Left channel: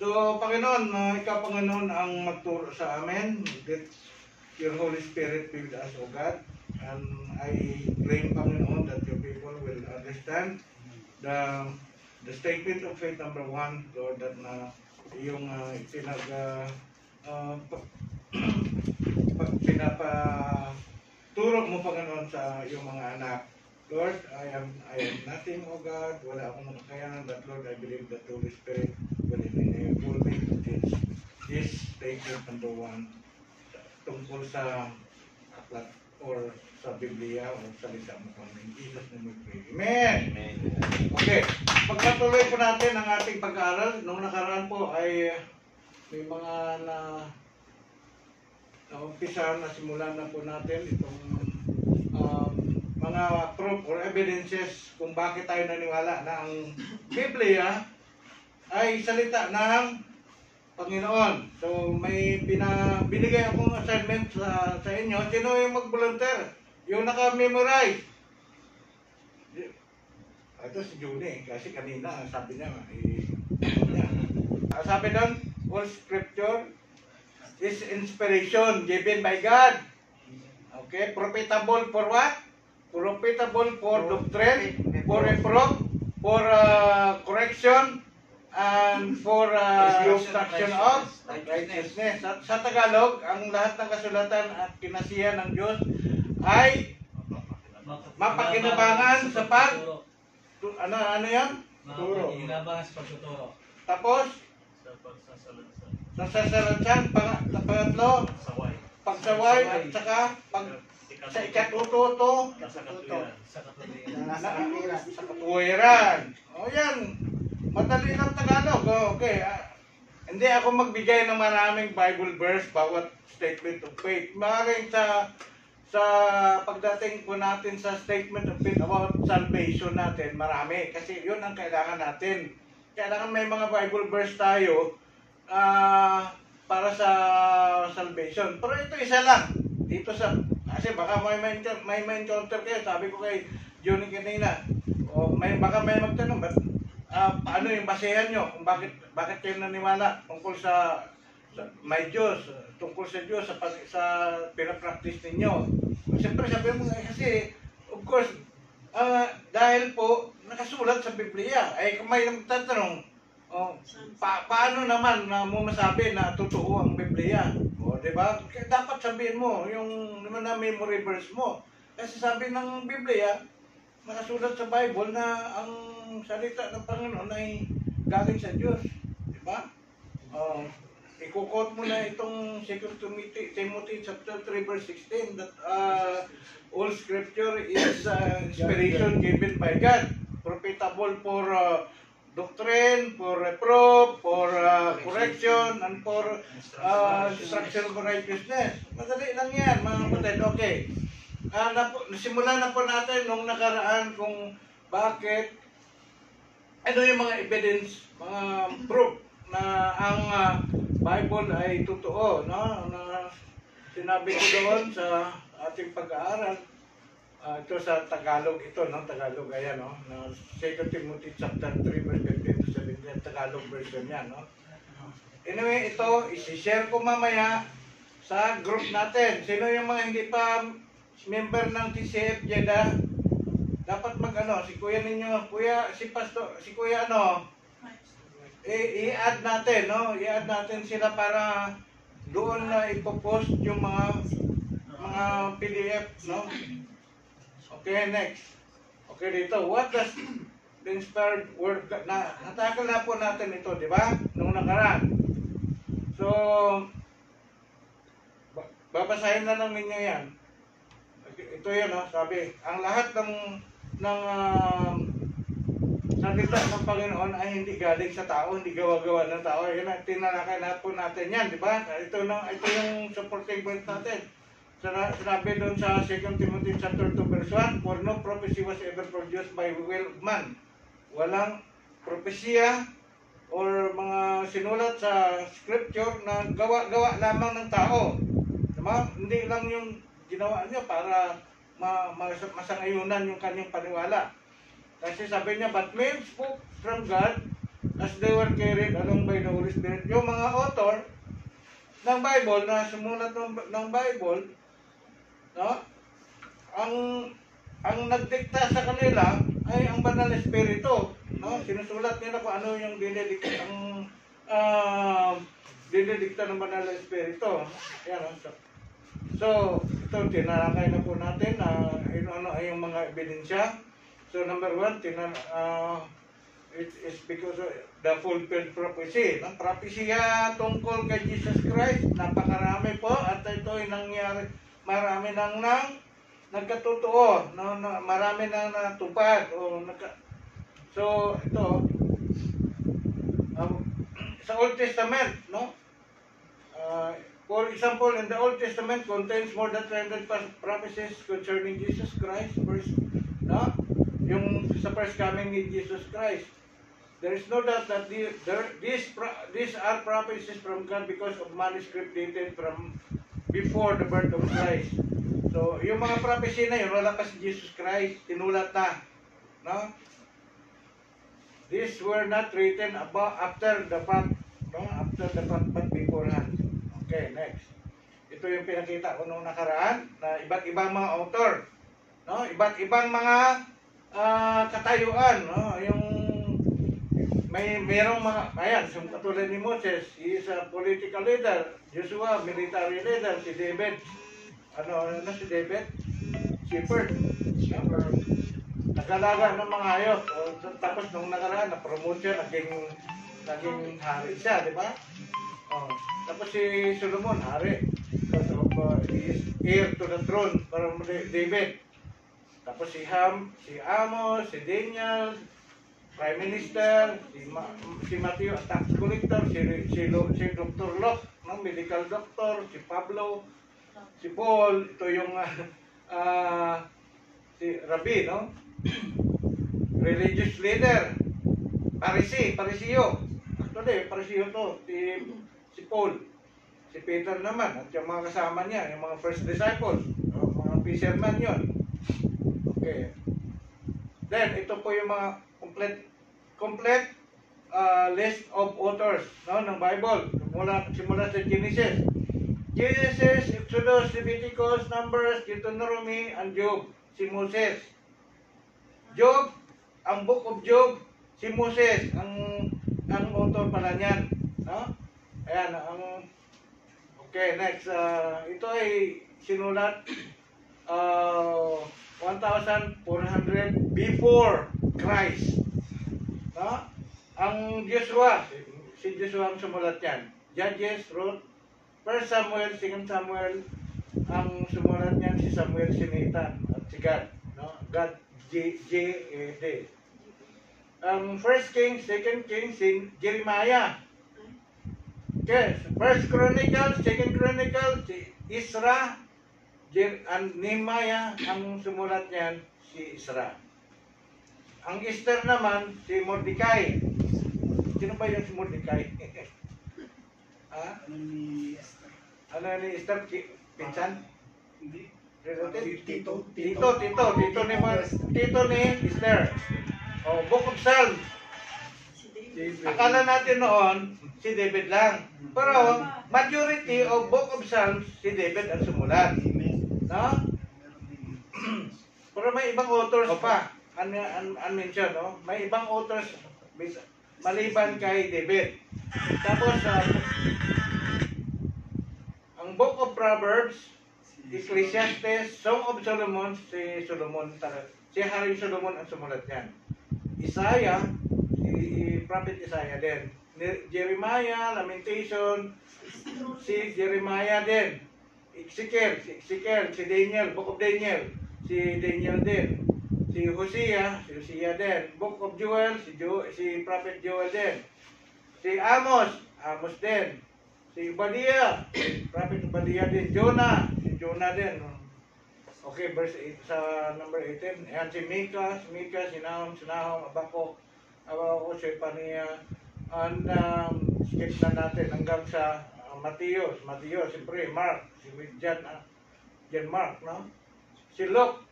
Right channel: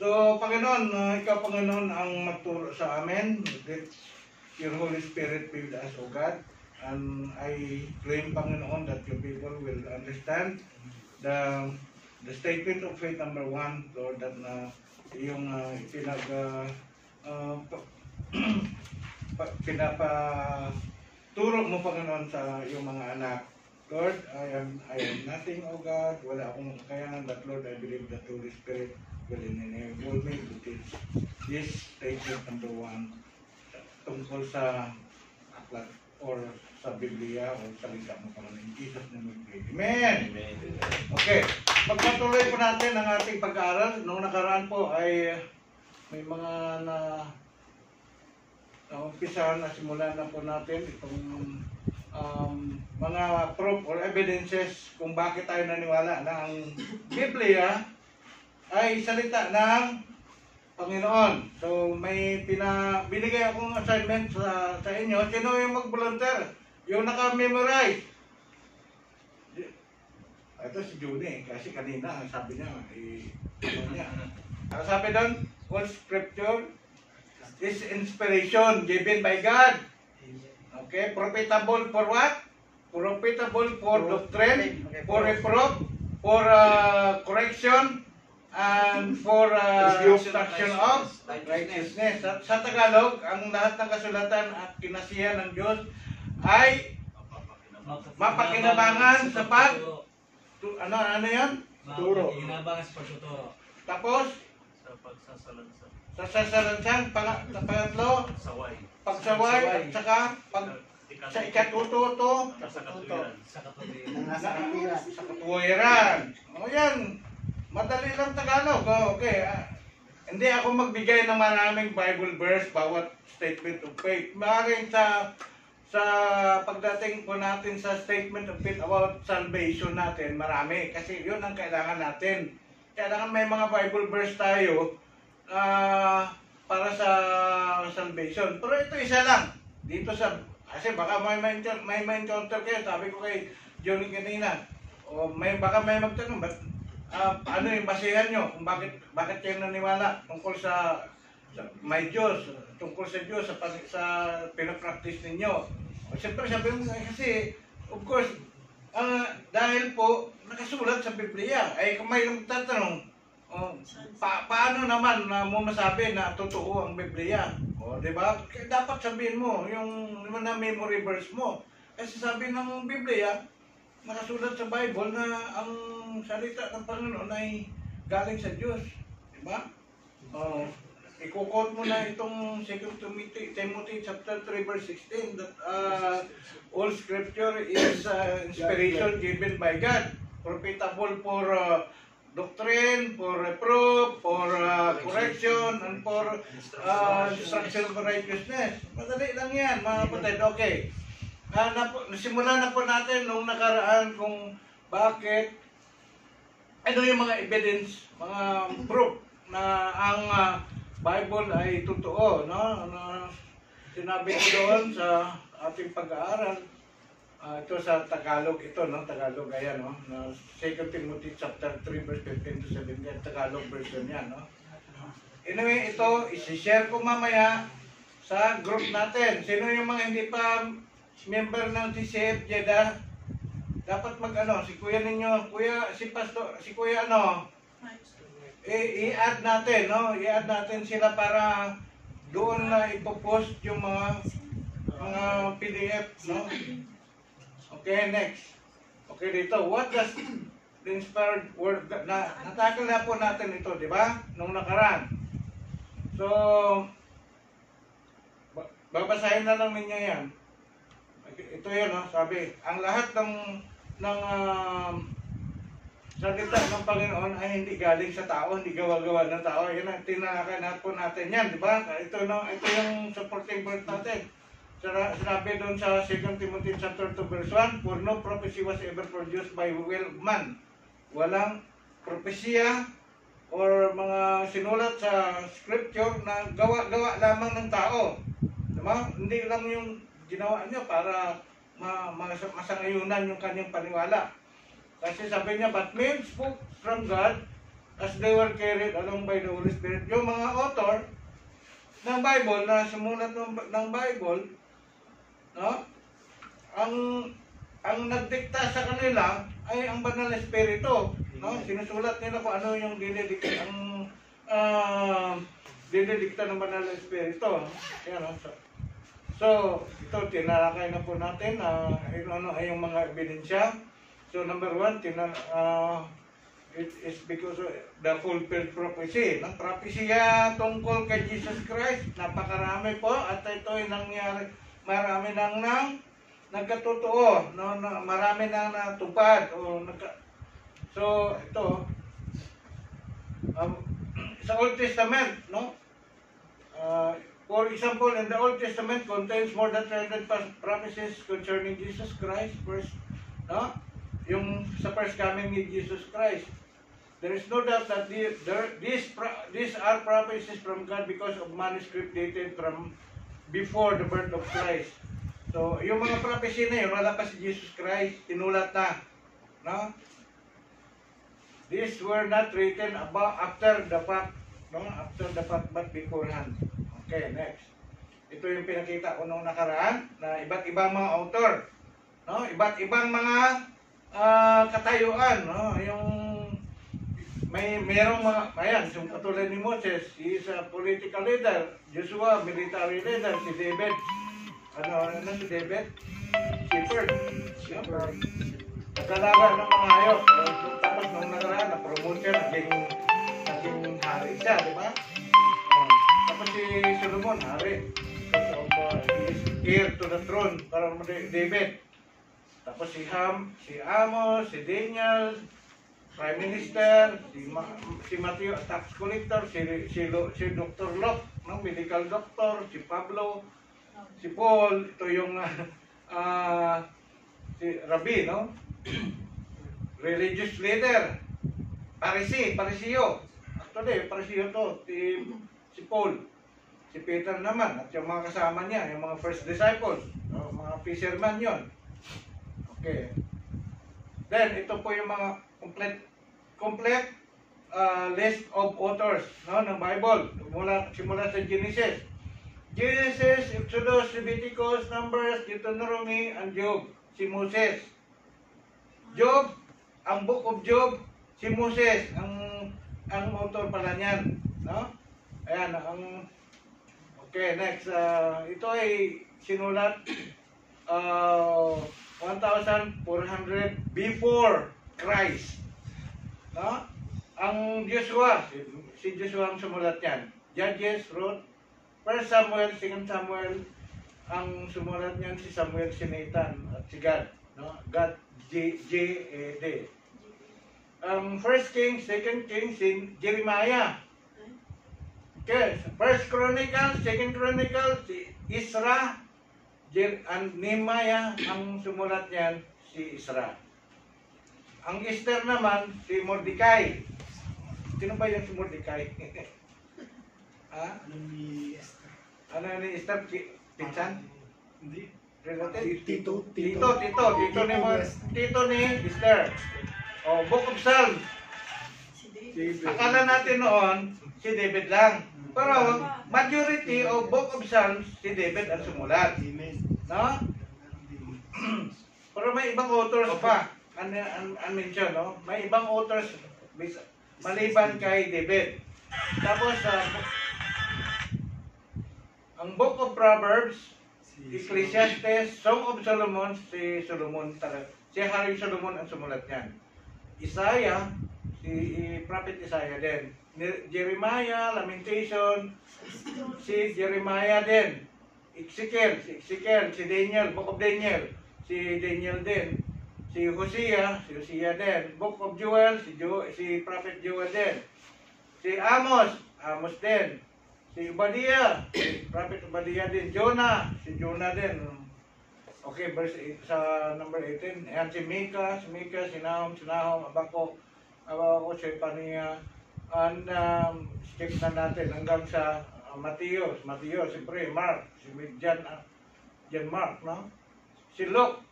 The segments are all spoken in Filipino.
So, Panginoon, ikaw, Panginoon, ang magturo sa amin. Let your Holy Spirit be with us, O God. And I claim, Panginoon, that your people will understand the statement of faith number 1, Lord, that na yung pinapaturo mo, Panginoon, sa iyong mga anak. Lord, I am nothing, O God. Wala akong makakayanan, but Lord, I believe that the Holy Spirit will enable me to teach this statement number 1 tungkol sa aklat or sa Biblia o salita mo, Panginoon. In Jesus' name we pray. Amen! Okay, pagpatuloy po natin ang ating pag-aaral. Nung nakaraan po ay may mga na-umpisa na simulan na po natin itong mga proof or evidences kung bakit tayo naniwala na ang Biblia ay salita ng Panginoon. So may binigay akong assignment sa inyo. Sino yung mag-volunteer? Yung naka-memorize? Ito si Junie, kasi kanina ang sabi niya, sabi doon, all scripture is inspiration given by God. Okay, profitable for what? Profitable for doctrine, for reproof, for correction, and for instruction of righteousness. Sa Tagalog, ang lahat ng kasulatan at kinasihan ng Diyos ay mapakinabangan sa ano yan? Mapakinabangan sa pagtuturo. Tapos, sa sasalansang, pangatlo, pagsaway, at saka sa ikatututo, sa katuwiran. O yan, madali lang Tagalog. Okay, hindi ako magbigay ng maraming Bible verse bawat statement of faith. Maaaring sa pagdating po natin sa statement of faith about salvation natin, marami. Kasi yun ang kailangan natin. Kailangan may mga Bible verse tayo para sa salvation. Pero ito isa lang. Dito sa, kasi baka may encounter kayo. Sabi ko kay Johnny kanina, baka may magtanong, paano yung basehan nyo? Kung bakit kayo naniwala tungkol sa may Diyos, tungkol sa Diyos, sa pinapractice ninyo. Siyempre sabi mo kasi, of course, dahil po nakasulat sa Biblia, ay kung may magtatanong, paano naman na mo masabi na totoo ang Biblia? O, di ba? Dapat sabihin mo yung naman na memory verse mo. Kasi sabi ng Biblia, nakasulat sa Bible na ang salita ng Panginoon ay galing sa Diyos. Di ba? I-quote mo na itong 2 Timothy chapter 3 verse 16 that all scripture is inspiration given by God, profitable for doctrine, for reproof, for correction, and for instruction of righteousness. Madali lang yan, mga kapatid. Okay. Nasimulan na po natin nung nakaraan kung bakit, ano yung mga evidence, mga proof na ang Bible ay totoo. No? Sinabi ko doon sa ating pag-aaral, ito sa Tagalog ito, no? Tagalog, ayan, no? 2 Timothy chapter 3 verse 15 to 17, Tagalog version yan, no? Anyway, ito, isi-share ko mamaya sa group natin. Sino yung mga hindi pa member ng TCF Jeddah? Dapat si kuya ninyo, si kuya i-add natin, no? I-add natin sila para doon na ipopost yung mga PDF, no? Okay, next. Okay, dito. What does the inspired word, natakal na po natin ito, di ba? Nung nakaraan. So, babasahin na lang ninyo yan. Ito yun, no? Sabi, ang lahat ng salita ng Panginoon ay hindi galing sa tao, hindi gawa-gawa ng tao. Yan ang tinalakay na po natin yan, di ba? Ito yung supporting point natin. Sinabi doon sa 2 Timothy chapter 2 verse 1, for no prophecy was ever produced by will of man. Walang propesya or mga sinulat sa scripture na gawa-gawa lamang ng tao. Diba? Hindi lang yung ginawa niya para masangayunan yung kanyang paniwala. Kasi sabi niya, but men spoke from God as they were carried along by the Holy Spirit. Yung mga author ng Bible na sumulat ng Bible, no? Ang nagdikta sa kanila ay ang Banal na Espiritu, no? Sinusulat nila kung ano yung dinidikta ng Banal na Espiritu. Yan, no? So, ito, tinalakay na po natin ano ay yung mga ebidensya. So, number 1, it is because of the fulfilled prophecy. No? Propesya tungkol kay Jesus Christ, napakarami po at ito ay nangyari, marami nang nagkatotoo, no? Marami nang natupad. So, ito, sa Old Testament, no? For example, in the Old Testament contains more than 300 promises concerning Jesus Christ. First, no? Yung sa first coming ni Jesus Christ. There is no doubt that these are prophecies from God because of manuscript dated from before the birth of Christ. So, yung mga prophecy na yun, wala pa si Jesus Christ, tinulat na. No? These were not written about after the fact, no? After the fact, but beforehand. Okay, next. Ito yung pinakita ko nung nakaraan na iba't ibang mga author, no? Iba't ibang mga katayuan, no? Yung merong mga, ayan, yung katulad ni Moses, he is a political leader, Joshua, military leader, si David, ano si David? Shepherd. Nagalaga ng mga hayop. Tapos nung nakaraan, na-promote siya, naging hari siya, di ba? Tapos si Solomon, hari. He is heir to the throne, parang David. Tapos si Amos, si Daniel, Prime Minister, si Matthew, tax collector, si Dr. Locke, no? Medical doctor, si Pablo, si Paul, ito yung si Rabbi, no? Religious leader, Pariseo. Actually, Pariseo to, si Paul, si Peter naman, at yung mga kasama niya, yung mga first disciples, no? Mga fisherman yon. Okay. Then, ito po yung mga complete list of authors, no, ng Bible. Simula sa Genesis, Exodus, Leviticus, Numbers, Deuteronomy, and Job. Si Moses. Job, ang Book of Job, si Moses, ang author pala niyan, no? Ayan, okay, next. Ito ay sinulat 1,400 before Christ. No? Ang Joshua, si Joshua ang sumulat yan. Judges, Ruth, 1 Samuel, 2 Samuel, ang sumulat niyan si Samuel, si Nathan, at si God. No? God, J-A-D. 1 Kings, 2 Kings, si Jeremiah. Okay, 1 Chronicles, 2 Chronicles, si Isra, and Nehemiah, ang sumulat niyan si Isra. Ang Esther naman, si Mordecai. Sino ba yung si Mordecai? Ha? Ano ni Esther? Pinsan? Hindi. Relative? Tito ni Esther. Oh, Book of Psalms. Akala natin noon, si David lang. Pero, majority of Book of Psalms, si David ang sumulat. No? Pero may ibang authors pa. Unmentioned, no? May ibang authors maliban kay David. Tapos, ang Book of Proverbs, Ecclesiastes, Song of Solomon, si Solomon talaga. Si Haring Solomon ang sumulat niyan. Isaiah, si Prophet Isaiah din. Jeremiah, Lamentation, si Jeremiah din. Ezekiel, si Daniel, Book of Daniel, si Daniel din. Si Hosea din. Book of Joel, si Prophet Joel din. Si Amos din. Si Obadiah, Prophet Obadiah din. Jonah, si Jonah din. Okay, verse 8, sa number 18. Ayan, si Micah, si Nahum, Abakok, Shepania, and skip na natin hanggang sa Matthew, siyempre, Mark, si John Mark, no? Si Luke,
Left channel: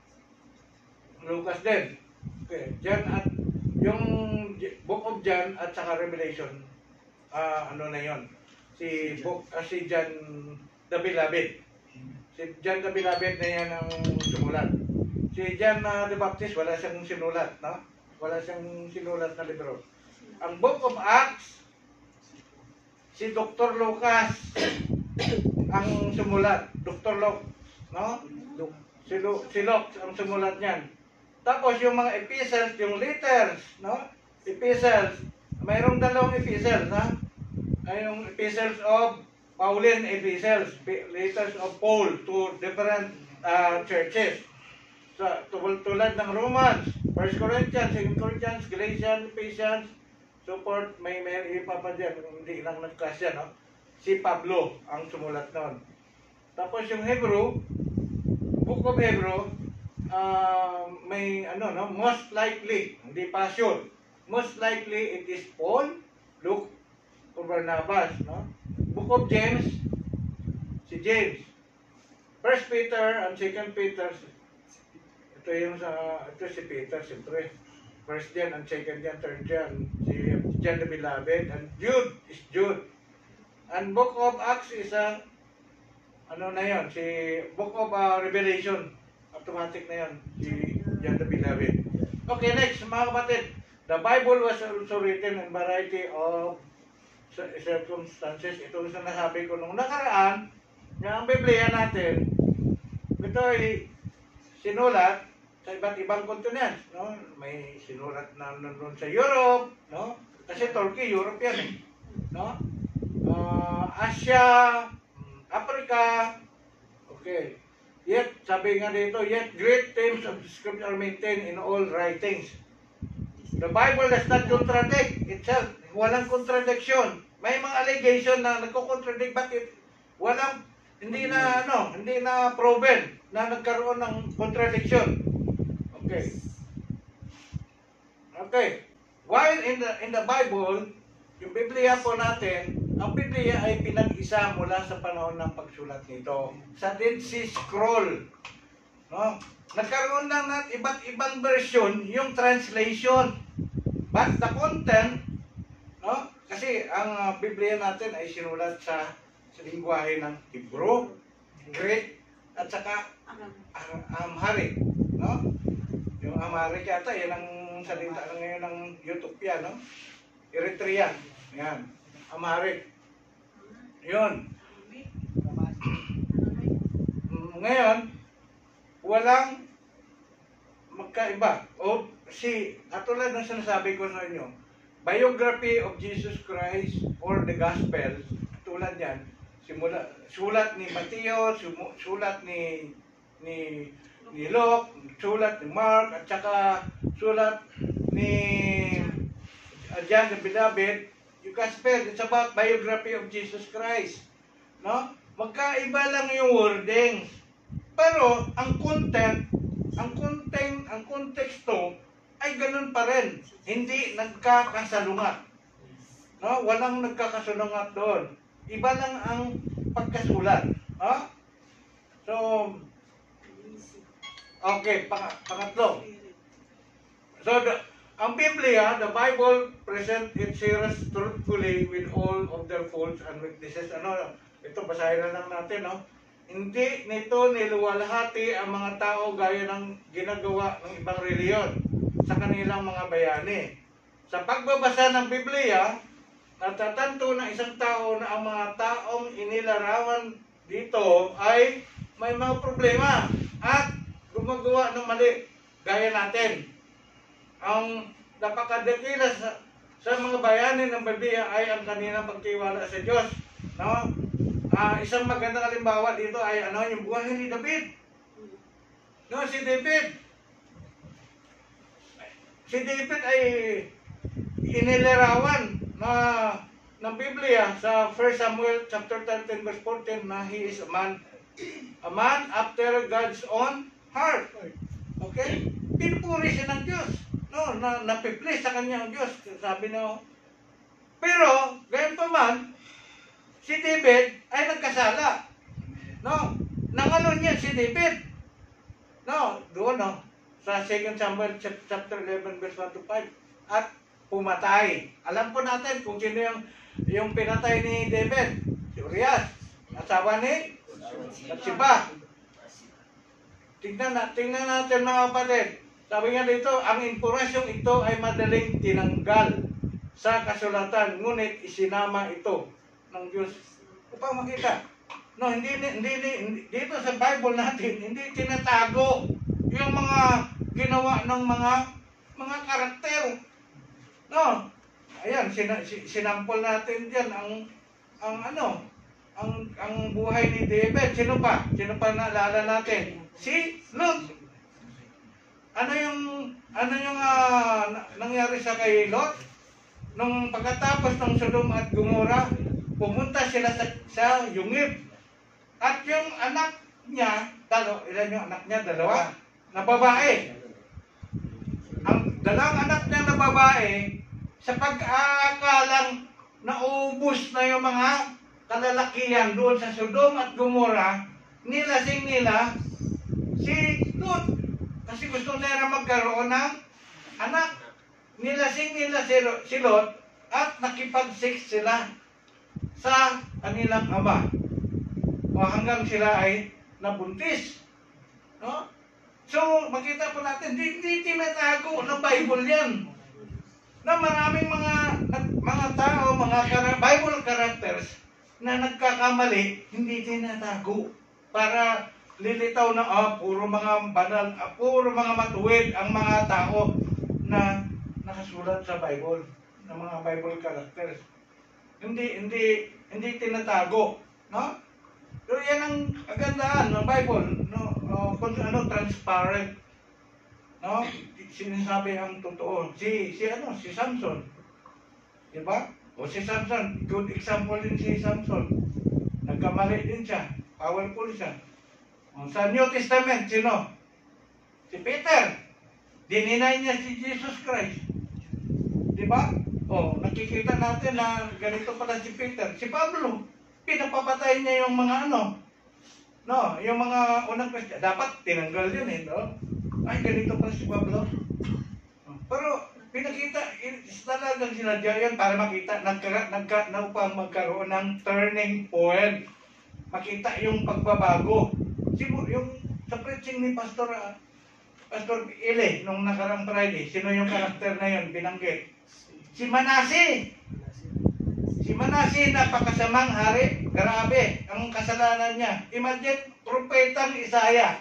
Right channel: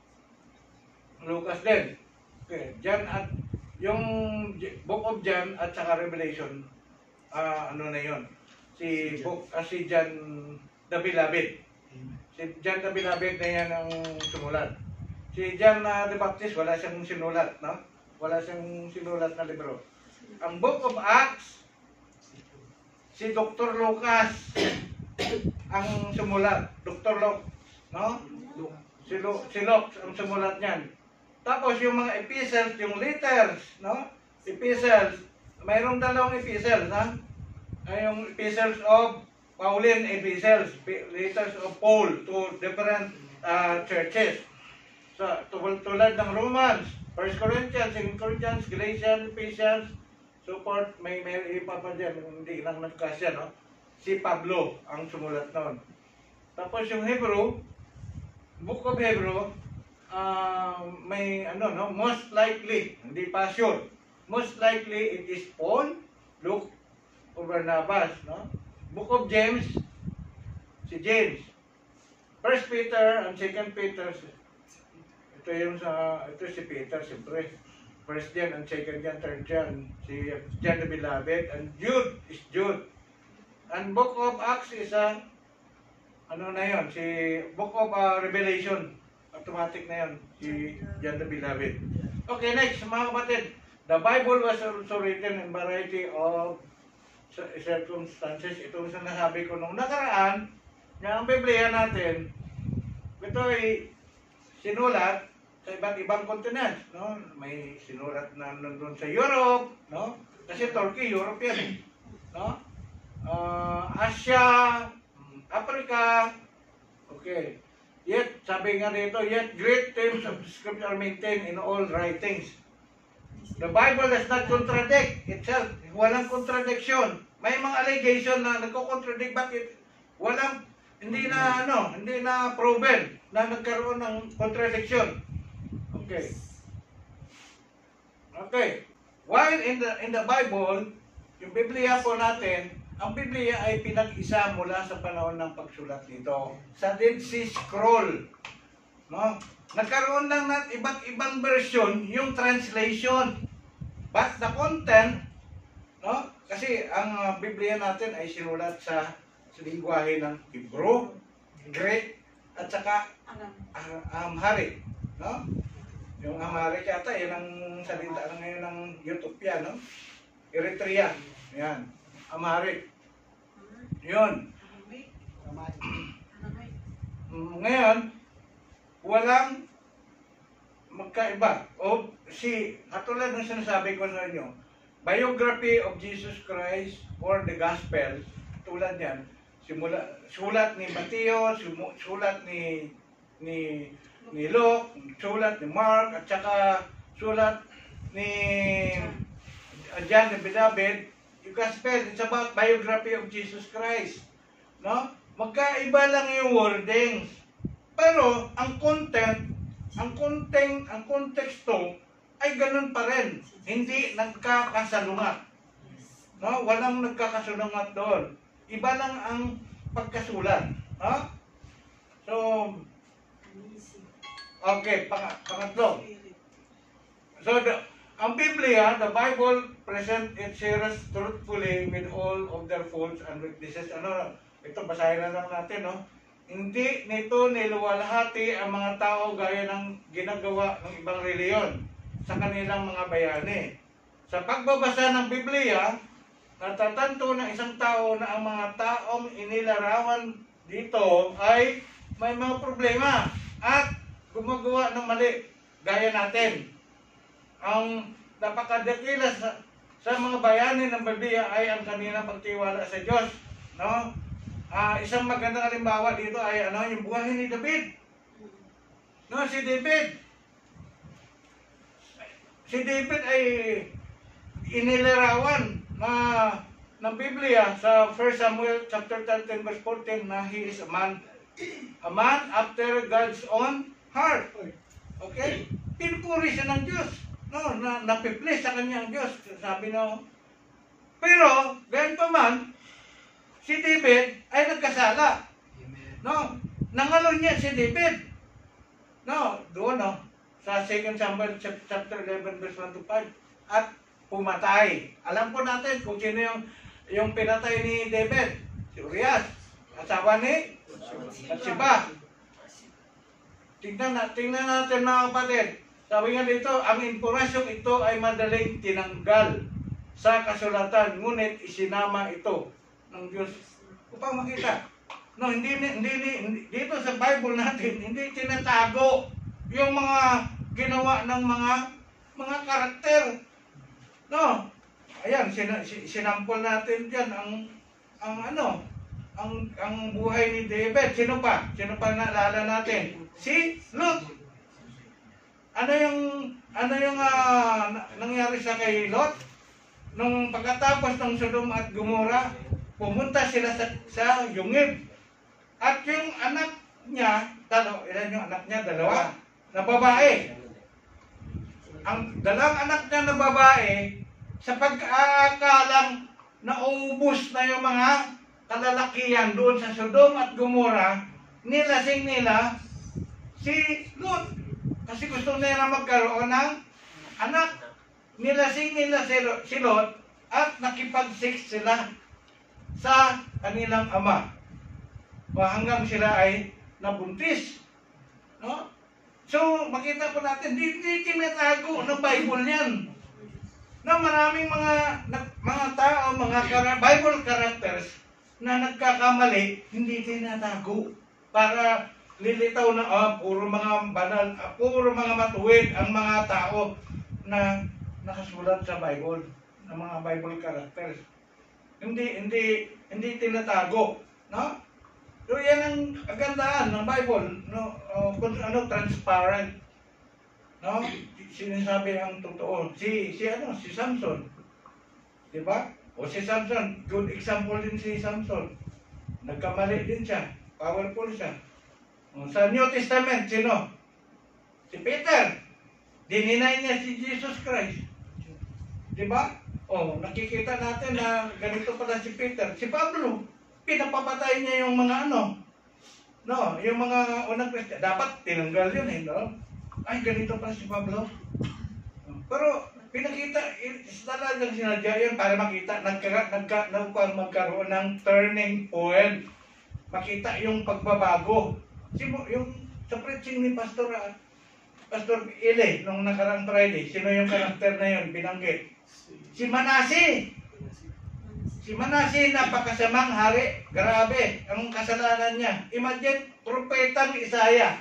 Lucas din. Okay, John at yung Book of John at saka Revelation, ano na yon, si John the Beloved. Si John the Beloved na yan ang sumulat. Si John the Baptist, wala siyang sinulat, no? Wala siyang sinulat na libro. Ang Book of Acts, si Dr. Lucas ang sumulat. Dr. Luke, no? Si Luke ang sumulat niyan. Tapos yung mga epistles, yung letters, no? Epistles, mayroong dalawang epistles, ha? Ay yung epistles of Pauline epistles, letters of Paul to different churches. So, tulad ng Romans, 1 Corinthians, 2 Corinthians, Galatians, Ephesians, so forth, may iba pa dyan, hindi lang nagkasya, no? Si Pablo ang sumulat noon. Tapos yung Hebrew, Book of Hebrew, may ano, no? Most likely, hindi pa sure, most likely it is Paul, Luke, or Barnabas, no? Book of James, si James. 1 Peter and 2 Peter, ito si Peter, siyempre. First John and second John, third John, si John the Beloved, and Jude is Jude. And Book of Acts is ano na yon, si Book of Revelation, automatic na yon, si John the Beloved. Okay, next mga kapatid, the Bible was also written in variety of circumstances. Ito yung sinasabi ko nung nakaraan, na ang Biblia natin, ito ay sinulat sa iba't ibang continents, no? May sinulat na nandun sa Europe, no? Kasi Turkey, Europe yan, eh, no? Asia, Africa, okay. Yet, sabi nga dito, yet great themes of the scripture are maintained in all writings. The Bible does not contradict itself. Walang contradiction. May mga allegation na nagko-contradict, bakit walang, hindi na proven na nagkaroon ng contradiction. Okay. Okay. While in the Bible, yung Biblia po natin, ang Biblia ay pinag-isa mula sa panahon ng pagsulat nito. Sa Dead Sea Scroll, no? Nagkaroon lang ng iba't ibang version yung translation. But the content, no? Kasi ang Biblia natin ay sinulat sa lingwahe ng Hebrew, Greek, at saka Amharic, no? Yung Amharic yata, yan ang salita na ngayon ng Ethiopia, no? Eritrea, yan. Amharic. Yun. Ngayon, walang magkaiba. O katulad ng sinasabi ko sa inyo, biography of Jesus Christ or the Gospel, tulad yan, sulat ni Mateo, sulat ni Luke, sulat ni Mark, at saka sulat ni John the Beloved. Yung Gospel, it's about biography of Jesus Christ, no? Magkaiba lang yung wordings, pero ang konteksto ay ganun pa rin, hindi nagkakasalungat, no? Walang nagkakasalungat doon, iba lang ang pagkasulat, no? So, okay, pangatlo. So, ang Biblia, the Bible, present its hearers truthfully with all of their faults and weaknesses. Ito, basahin na lang natin, no? Hindi nito niluwalhati ang mga tao gaya ng ginagawa ng ibang reliyon sa kanilang mga bayani. Sa pagbabasa ng Biblia, natatanto ng isang tao na ang mga taong inilarawan dito ay may mga problema at gumagawa ng mali gaya natin. Ang napakadakila sa mga bayani ng Biblia ay ang kanilang pagtiwala sa Diyos, no? Isang magandang halimbawa dito ay yung buhay ni David. No, si David ay inilarawan ng Biblia sa 1 Samuel chapter 13 verse 14 na he is a man after God's own heart. Okay? Pinupuri siya ng Diyos. No, napiplis sa kanya ang Diyos, sabi no. Pero, gayon pa man, si David ay nagkasala. No, nangalo niya si David. No, doon no, sa 2 Samuel chapter 11 verse 1 to 5. at pumatay. Alam po natin kung sino yung pinatay ni David, si Urias, asawa ni Bathsheba. Tingnan natin mga kapatid. Sabi nga dito, ang impormasyong ito ay madaling tinanggal sa kasulatan, ngunit isinama ito ng Diyos upang makita. No, hindi dito sa Bible natin, hindi tinatago yung mga ginawa ng mga karakter. No. Ayan, sinampol natin diyan ang buhay ni David. Sino pa naalala natin? Si Lot. Ano yung nangyari sa kay Lot? Nung pagkatapos ng Sodom at Gomora, pumunta sila sa Yungib. At yung anak niya, ilan yung anak niya? Dalawa, na babae. Ang dalawang anak niya na babae, sa pag-aakalang naubos na yung mga kalalakihan doon sa Sodom at Gomora, nilasing nila si Lot. Kasi gusto nila magkaroon ng anak. Nilasing nila si Lot at nakipag-sex sila sa kanilang ama. O hanggang sila ay nabuntis. No? So, makita po natin, hindi tinatago ng Bible yan. Na maraming mga tao, Bible characters na nagkakamali, hindi tinatago. Para lilitaw na, puro mga banal, puro mga matuwid ang mga tao na nakasulat sa Bible, ng mga Bible characters. Hindi tinatago, no? So yan ang kagandahan ng Bible, no? Transparent, no? Sinasabi ang totoo. Si Samson, di ba? O si Samson, good example din si Samson. Nagkamali din siya, powerful siya. O, sa New Testament, sino? Si Peter. Dininay niya si Jesus Christ. Di ba? O, nakikita natin na ganito pala si Peter. Si Pablo, pinapapatay niya yung mga no, yung mga unang Kristiyan. Dapat tinanggal yun no? Ay, ganito pala si Pablo. Pero, pinakita, talagang sinadya yun para makita, upang magkaroon ng turning point. Makita yung pagbabago. Yung sa preaching ni Pastor Ile, nung nakarang Friday, sino yung karakter na yun, binanggit? Si Manase. Si Manase, napakasamang hari. Grabe, ang kasalanan niya. Imagine, propetang Isaya.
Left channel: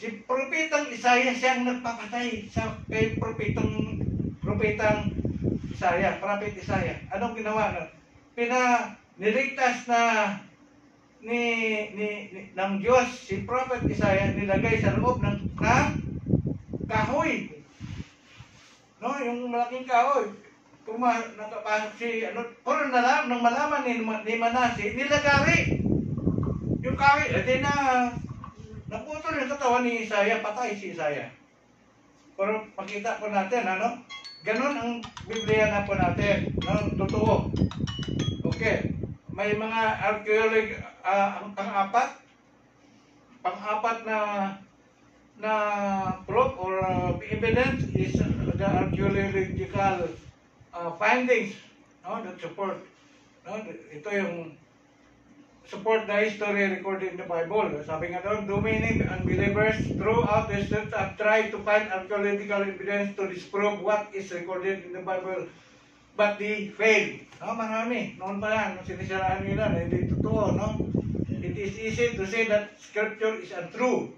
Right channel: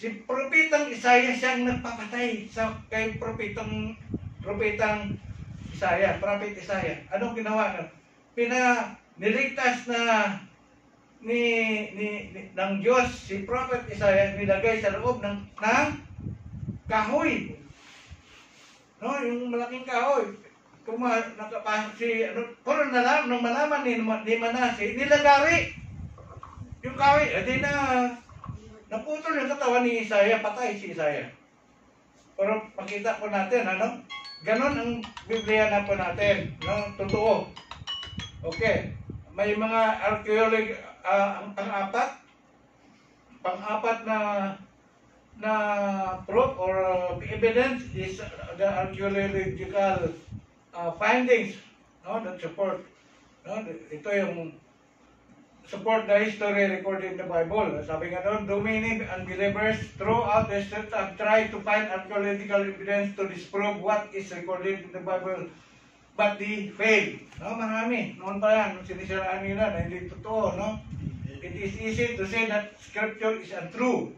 Si propetang Isaya siyang nagpapatay kay propetang Isaya, prophet Isaya. Anong ginawa? Niligtas na ng Diyos si prophet Isaya, nilagay sa loob ng kahoy. No, yung malaking kahoy. Kung nakapasok pero nung malaman ni Manase, nilagari yung kahoy, naputol yung katawan ni Isaya, patay si Isaya. Pero makita po natin, ganon ang Biblia na po natin, no? Totoo. Okay. May mga archaeology, ang pang-apat na proof or evidence is the archaeological findings, no, that support, no, ito yung support the history recorded in the Bible. Sabi nga doon, many unbelievers throughout the church have tried to find archaeological evidence to disprove what is recorded in the Bible, but they failed. No, marami. Noon pa yan, sinisiraan nila na hindi totoo, no? It is easy to say that scripture is untrue.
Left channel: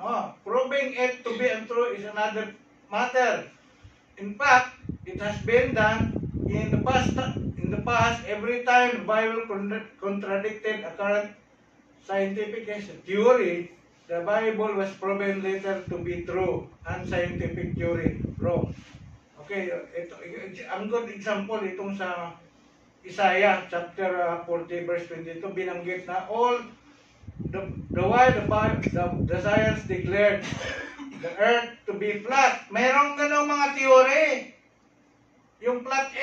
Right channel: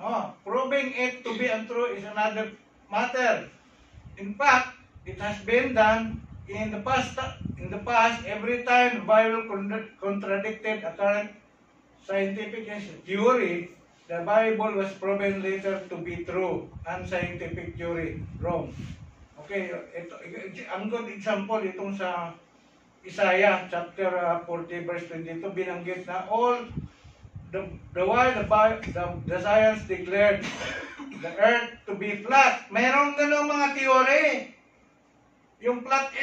No? Proving it to be untrue is another matter. In fact, it has been done in the past. Every time the Bible contradicted a current scientific theory, the Bible was proven later to be true and scientific theory wrong. Okay, ang good example itong sa Isaiah chapter 40 verse 22, binanggit na all the while the science declared the earth to be flat. Mayroong ganong mga theory. Yung flat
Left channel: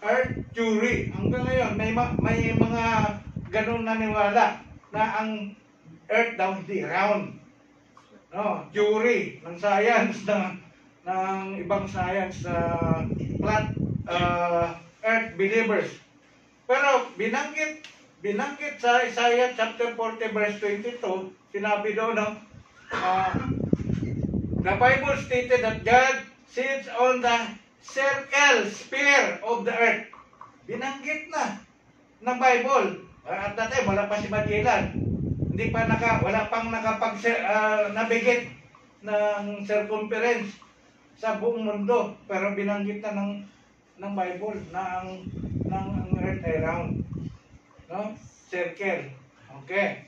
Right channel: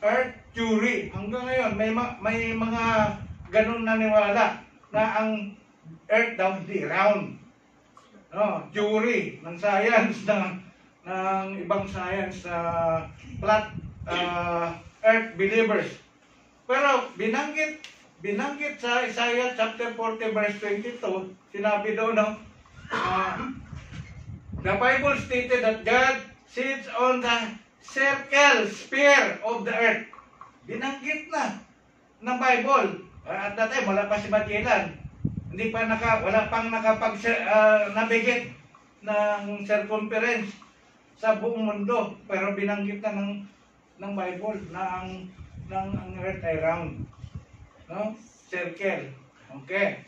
earth theory. Hanggang ngayon may mga ganong naniwala na ang earth daw hindi round. No, theory ng science ng ibang science sa flat earth believers. Pero binanggit sa Isaiah chapter 40 verse 22, sinabi doon, no, the Bible stated that God sits on the circle sphere of the earth. Binanggit na ng Bible. At that time, wala pa si Magellan. Wala pang navigate ng circumference sa buong mundo. Pero binanggit na ng Bible na ang earth ay round. No? Circle. Okay.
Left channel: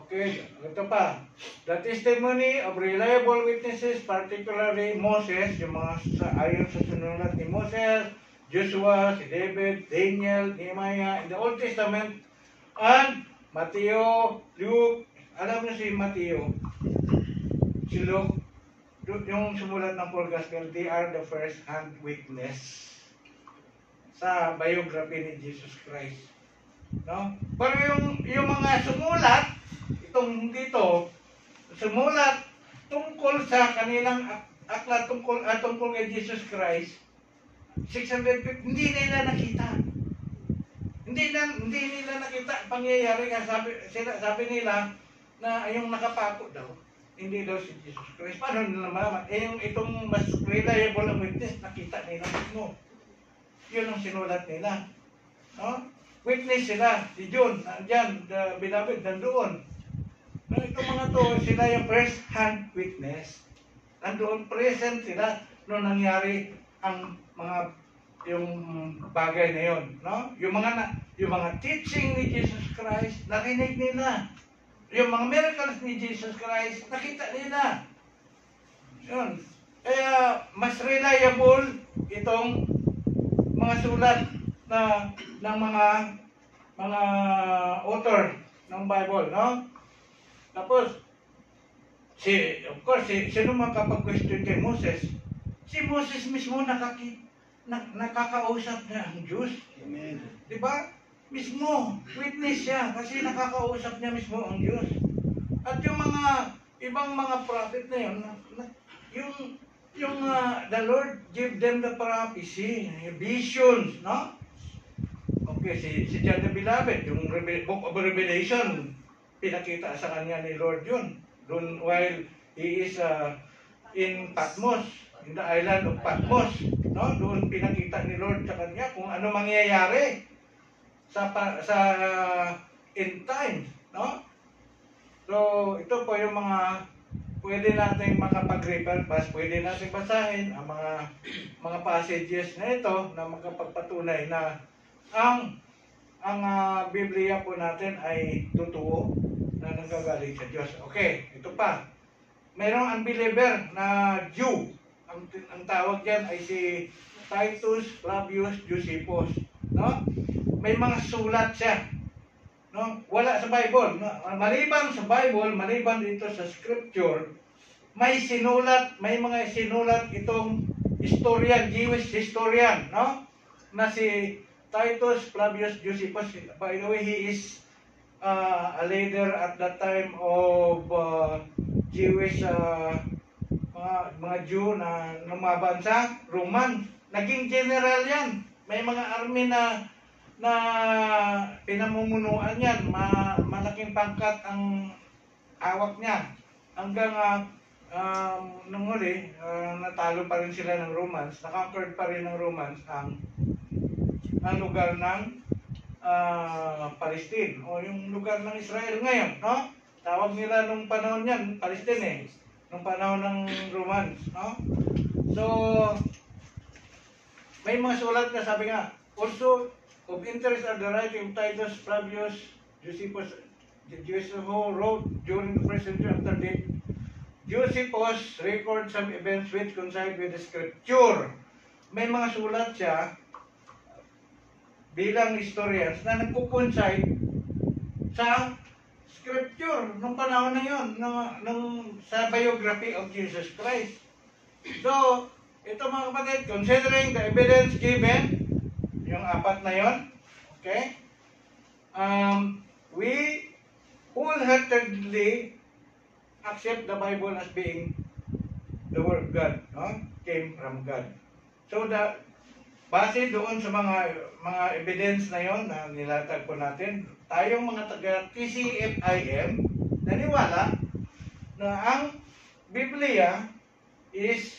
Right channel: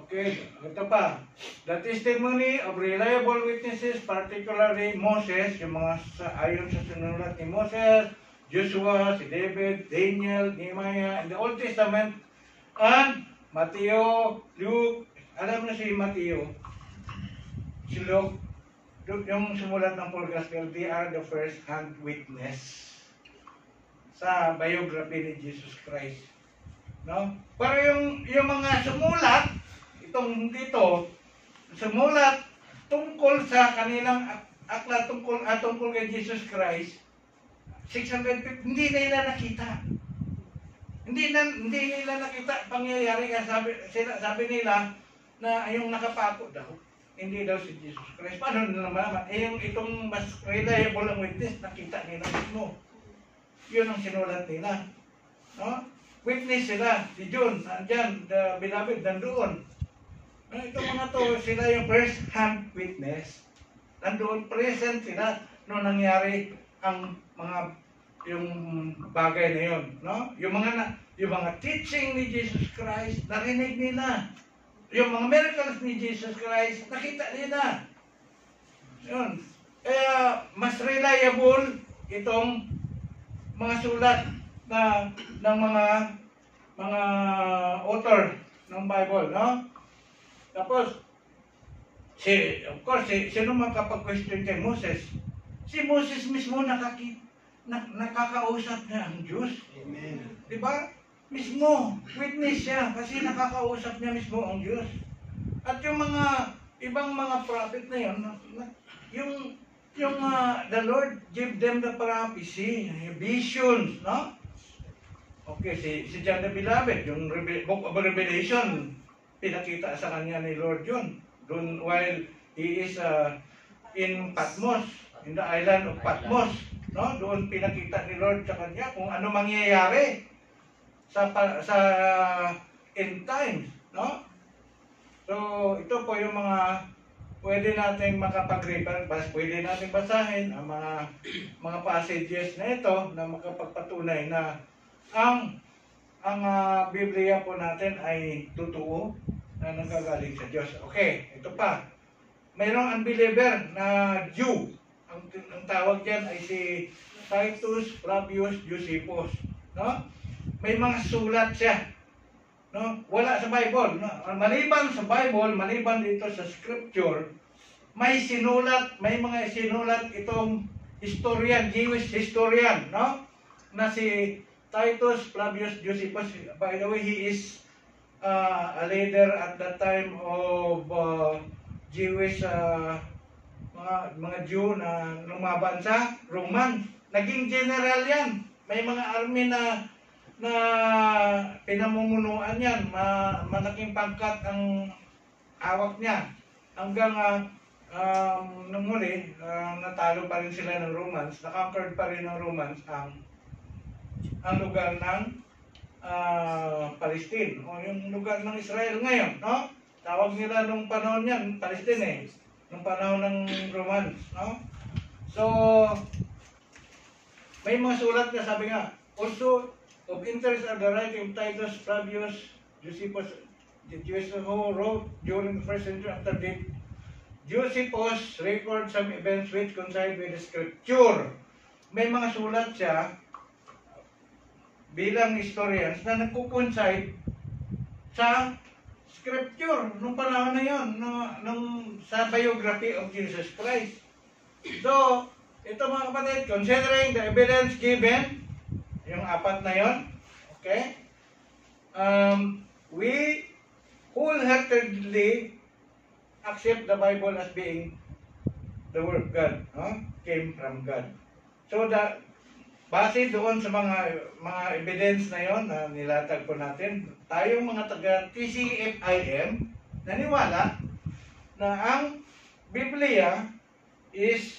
Okay, ito pa. The testimony of reliable witnesses, particularly Moses, yung mga ayon sa sinulat ni Moses, Joshua, si David, Daniel, Nehemiah, in the Old Testament, and Matthew, Luke, alam niyo si Matthew, si Luke, yung sumulat ng Paul Gospel, they are the first-hand witness sa biography ni Jesus Christ. No? Pero yung mga sumulat, sumulat tungkol sa kanilang aklat tungkol kay Jesus Christ, 650, hindi nila nakita. Hindi nila nakita pangyayari kasi sabi nila na yung nakapako daw, hindi daw si Jesus Christ. Paano nila malaman? Itong mas reliable ang witness, nakita nila mismo. Yun ang sinulat nila. No? Witness sila, si John, nandyan, the beloved, nandoon. No, itong mga to, sila yung first hand witness. Nandoon, present sila noong nangyari ang yung bagay na yun. No? Yung mga teaching ni Jesus Christ, narinig nila. Yung mga miracles ni Jesus Christ, nakita nila. Yun. Kaya mas reliable itong mga sulat ng mga author ng Bible, no? Tapos of course, sino makapag-question kay Moses? Si Moses mismo nakakausap niya ang Diyos. Amen. Di ba? Mismo, witness siya kasi nakakausap niya mismo ang Diyos. At yung mga ibang mga prophet na yun, the Lord give them the prophecy, yung visions, no? Okay, si John the Beloved, yung Book of Revelation, pinakita sa kanya ni Lord yun. Doon while he is in Patmos, in the island of Patmos, no? Doon pinakita ni Lord sa kanya kung ano mangyayari sa end times, no? So, ito po yung mga pwede nating makapag-refer, pwede nating basahin ang mga passages na ito na makapagpatunay na ang Biblia po natin ay totoo na nanggagaling sa Diyos. Okay, ito pa. Mayroong unbeliever na Jew. Ang tawag diyan ay si Titus Flavius Josephus, no? May mga sulat siya, no? Wala sa Bible, no? Maliban sa Bible, maliban dito sa scripture, may mga sinulat itong historian, Jewish historian, no? Na si Titus Flavius Josephus. By the way, he is a leader at that time of Jewish mga Jew na lumaban sa Roman. Naging general yan. May mga army na pinamumunuan yan. Malaking pangkat ang hawak niya. Hanggang nung huli, natalo pa rin sila ng Romans. Na-conquered pa rin ng Romans ang lugar ng Palestine o yung lugar ng Israel ngayon, no? Tawag nila nung panahon yan, Palestine nung panahon ng Romans, no? So, may mga sulat na sabi nga, also of interest are the writing of Titus Flavius Josephus, the Jews who wrote during the first century after death. Josephus records some events which coincide with the scripture. May mga sulat siya bilang historians na nagpo-coincide sa scripture nung panahon na yon, sa biography of Jesus Christ. So, ito mga kapatid, considering the evidence given, yung apat na yon, okay, we wholeheartedly accept the Bible as being the word God, no? Came from God. So base doon sa mga evidence na yon na nilatag po natin, tayong mga taga TCFIM naniwala na ang Biblia is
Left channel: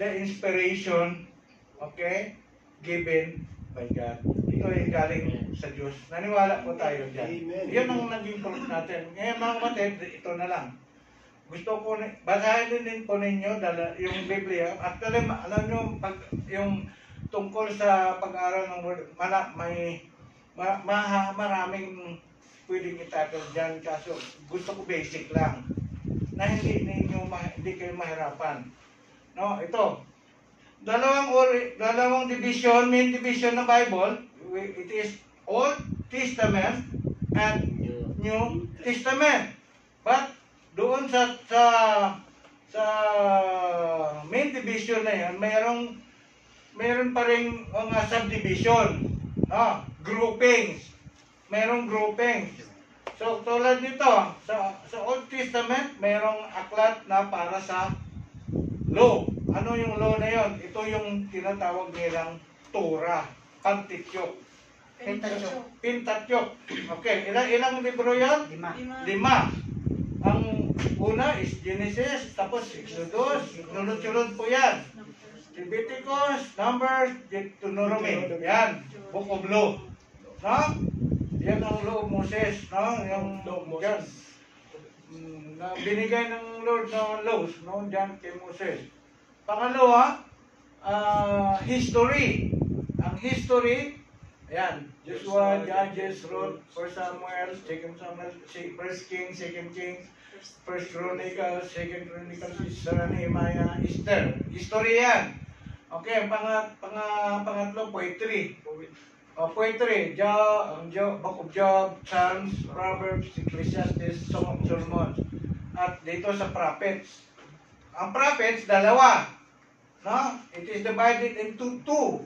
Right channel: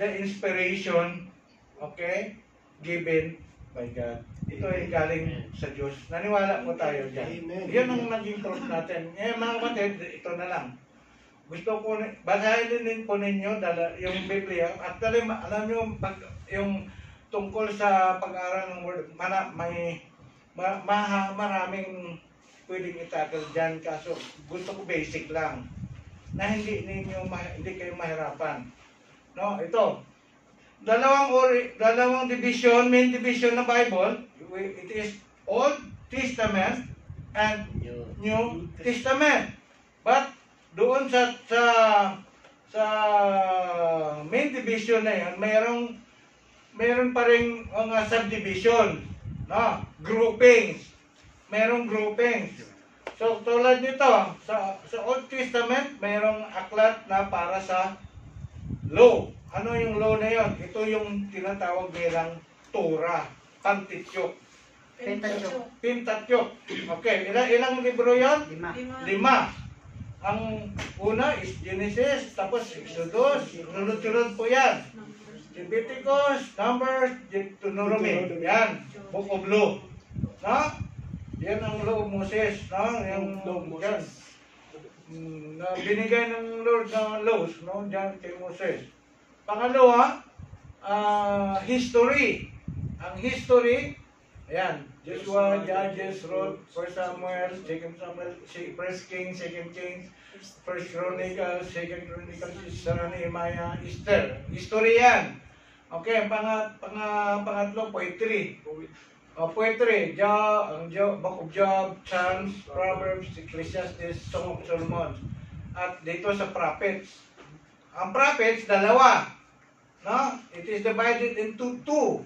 the inspiration, okay, given by God. Ito ay galing sa Diyos. Naniwala po tayo dyan. Amen. Yan ang naging proof natin. Ngayon mga kapatid, ito na lang. Gusto ko, basahin din po ninyo yung Biblia. Actually, alam nyo, yung tungkol sa pag-aaral ng Word, maraming pwedeng itakal dyan. Kaso gusto ko basic lang na hindi kayo mahirapan. No, ito. Dalawang division, main division ng Bible. It is Old Testament and New Testament. But doon sa main division na yan, mayroon pa rin mga subdivision, no? Groupings. Mayroong groupings. So tulad nito, sa Old Testament, mayroong aklat na para sa law. Ano yung law na yon? Ito yung tinatawag nilang Torah, Pentateuch. Pentateuch. Okay, ilang libro yon? 5. Ang una is Genesis, tapos Exodus, sunod-sunod po yan. Leviticus, Numbers, Deuteronomy. Yan, Book of Law. No? Yan ang law of Moses. No? Yung yan. Na binigay ng Lord na laws, no? Diyan kay Moses. Pangalawa, history. Ang history, ayan, Joshua, Judges, Ruth, 1 Samuel, 2 Samuel, 1 Kings, 2 Kings, 1 Chronicles, 2 Chronicles, Sarah, Nehemiah, Esther. History yan. Okay, pangatlo, poetry. Poetry, Book of Job, Psalms, Proverbs, Ecclesiastes, Song of Solomon. At dito sa prophets. Ang prophets, dalawa. No? It is divided into 2.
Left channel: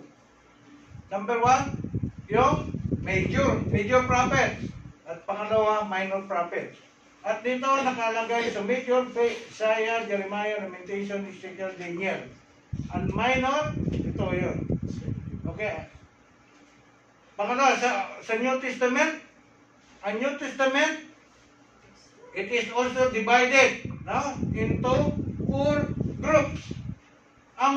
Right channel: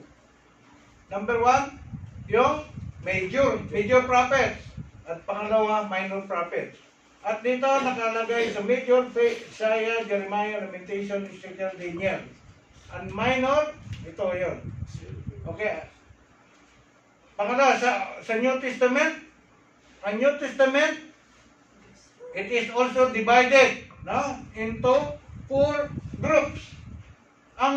Number 1, yung major prophets. At pangalawa, minor prophets. At dito nakalagay sa major, Isaiah, Jeremiah, Lamentation, Ezekiel, Daniel. And minor, ito yun. Okay. Pangalawa, sa New Testament, ang New Testament, it is also divided, no, into 4 groups. Ang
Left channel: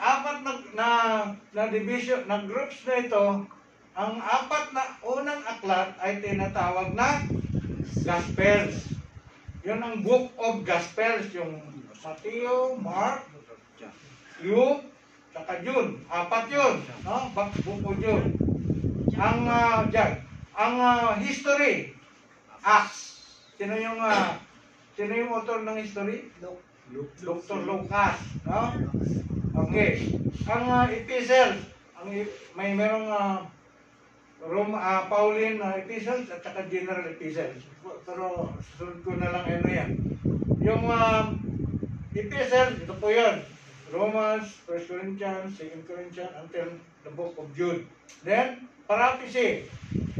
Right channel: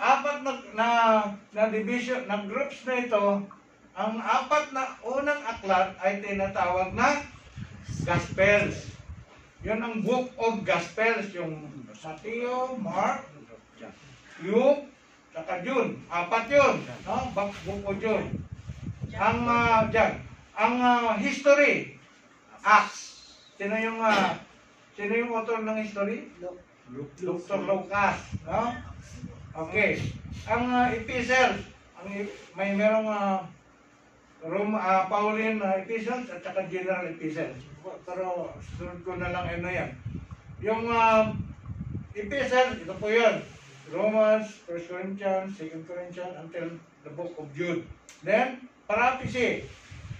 apat na division, na groups na ito, ang apat na unang aklat ay tinatawag na Gospels. Yun ang Book of Gospels, yung Matthew, Mark, Luke, saka Jude. 4 yun, no? Book of Jude. Ang history, Acts. Sino yung author ng history? Dr. Lucas, no? Okay. Ang epistles, merong Pauline epistles at saka general epistles. Pero susunod ko na lang ano yan. Yung epistles, ito po yun. Romans, 1 Corinthians, 2 Corinthians, until the book of Jude. Then, prophecy,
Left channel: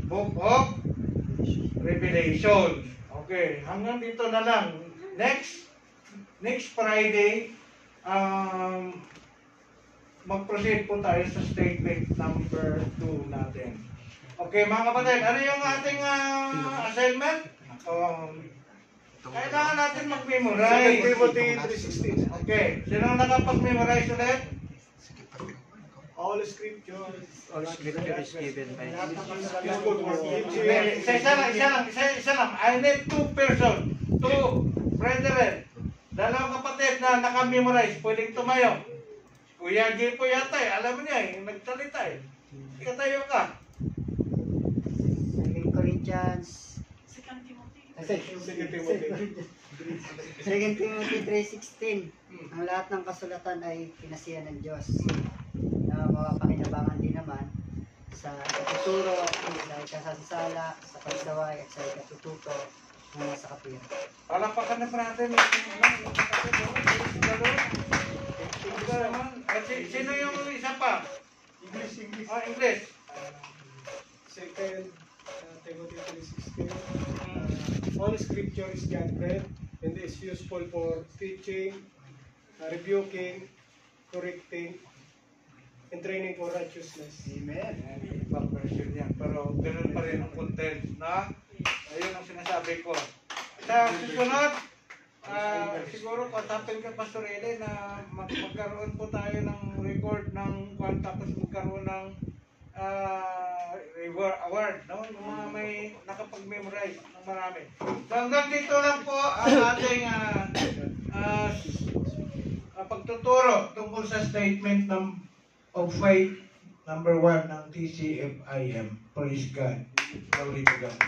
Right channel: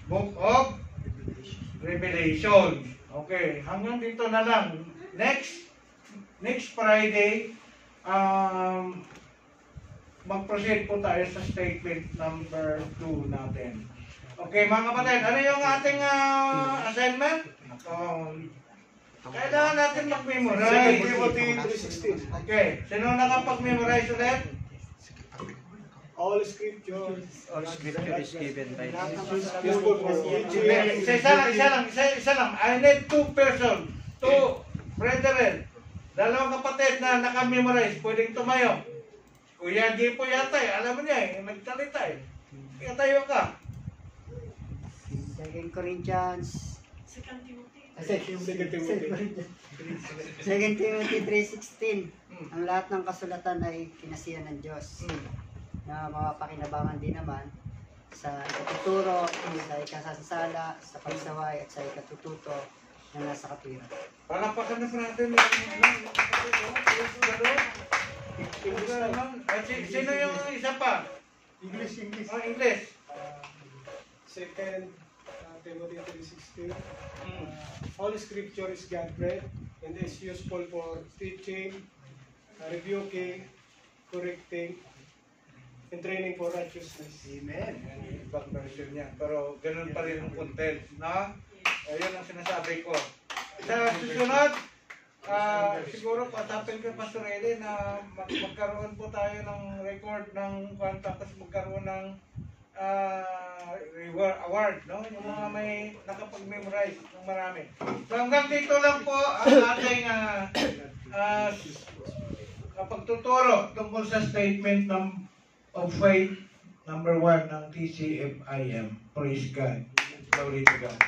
book of Revelation. Okay, hanggang dito na lang. Next Friday, mag-proceed po tayo sa statement number 2 natin. Okay, mga kapatid, ano yung ating assignment? Kailangan natin mag-memorize. 2 Timothy 3:16. Okay, sino nakapag-memorize ulit? All scripture is given by is good for teaching. Isa lang. I need 2 persons. 2 brethren. Dalawang kapatid na naka-memorize. Pwedeng tumayo. Kuya G po yata eh. Alam mo niya eh. Nagsalita eh. Kaya tayo ka. 2 Corinthians 2 Timothy. 2 Timothy 3:16. Ang lahat ng kasulatan ay pinasihan ng Diyos na mapapakinabangan din naman sa ikatuturo, sa ikasasala, sa pagsaway at sa ikatututo na nasa kapira. Palapakan na natin yung kapatid. Sino yung isa pa? English. English. 2 Timothy 3:16. All scripture is God-breathed and is useful for teaching, rebuking, correcting, and training for righteousness. Amen. Ibang version yan. Pero ganoon pa rin ang content, na ayun ang sinasabi ko. Sa susunod, siguro pasapin ka Pastor Ede na magkaroon po tayo ng record ng kwan, tapos magkaroon ng award, no? Yung mga may nakapag-memorize ng marami. So hanggang dito lang po ang ating pagtuturo tungkol sa statement of faith number 1 ng TCFIM. Praise God. Glory to God.